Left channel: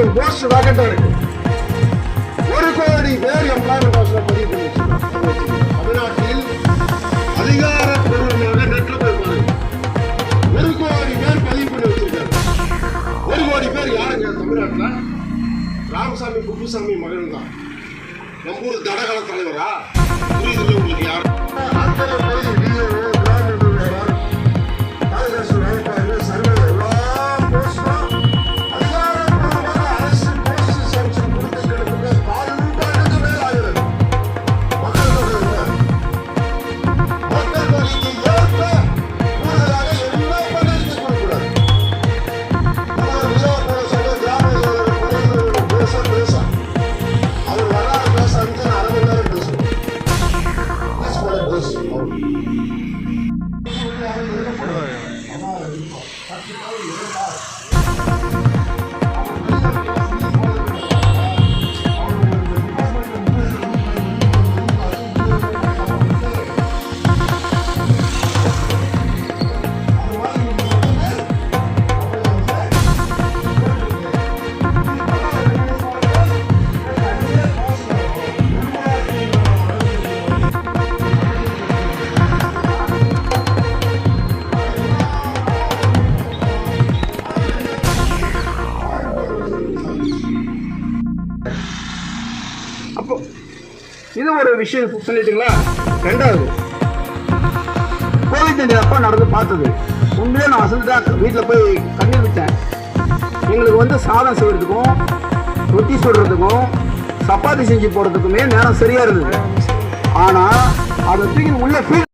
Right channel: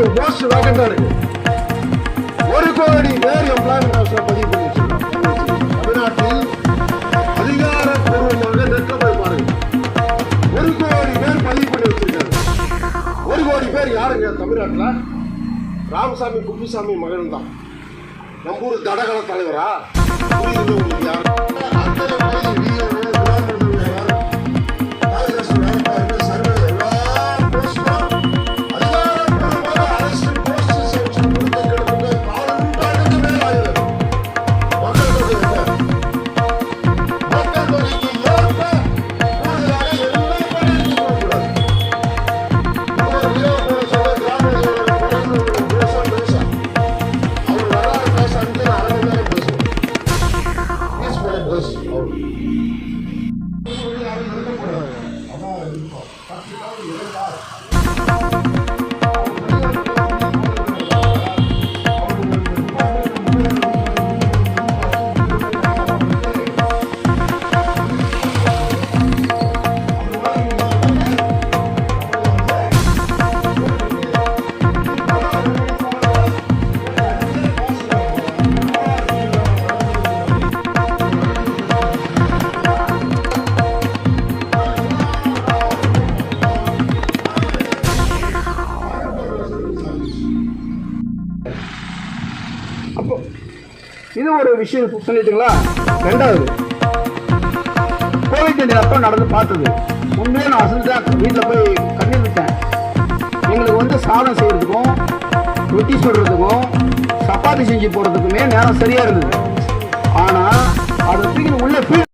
லட்சம் போஸ்ட் வேகண்டா இருக்கு. 1 கோடி பேர் எம்ப்ளாய்மெண்ட் பதிவு பண்ணி தமிழ்நாட்டில் அதிகாரப்பூர்வமாக நெட்ல போய் பாருங்க. 1 கோடி பேர் பதிவு பண்ணி வச்சிருக்காங்க. 1 கோடி பேர் யாருங்க தமிழ்நாட்டில்? ராமசாமி குப்புசாமி மகன் தான். நம்மூர் தடகள தலைவரா? புரியுது உங்களுக்கு? யார் அப்போ இது ஒரு விஷயம் சொல்லிட்டீங்களா? ரெண்டாவது, கோவிட் அப்போ நடந்து பார்த்தது உண்மையே நான் அசல்தான் வீட்டில் போய் கண்ணி விட்டேன். எங்களுக்கு சாதம் செய்யறதுக்கும் ரொட்டி சுடுறதுக்கும் சப்பாத்தி செஞ்சு போடுறதுக்குமே நேரம் சரியா இருந்தது. ஆனால் அது உள்ள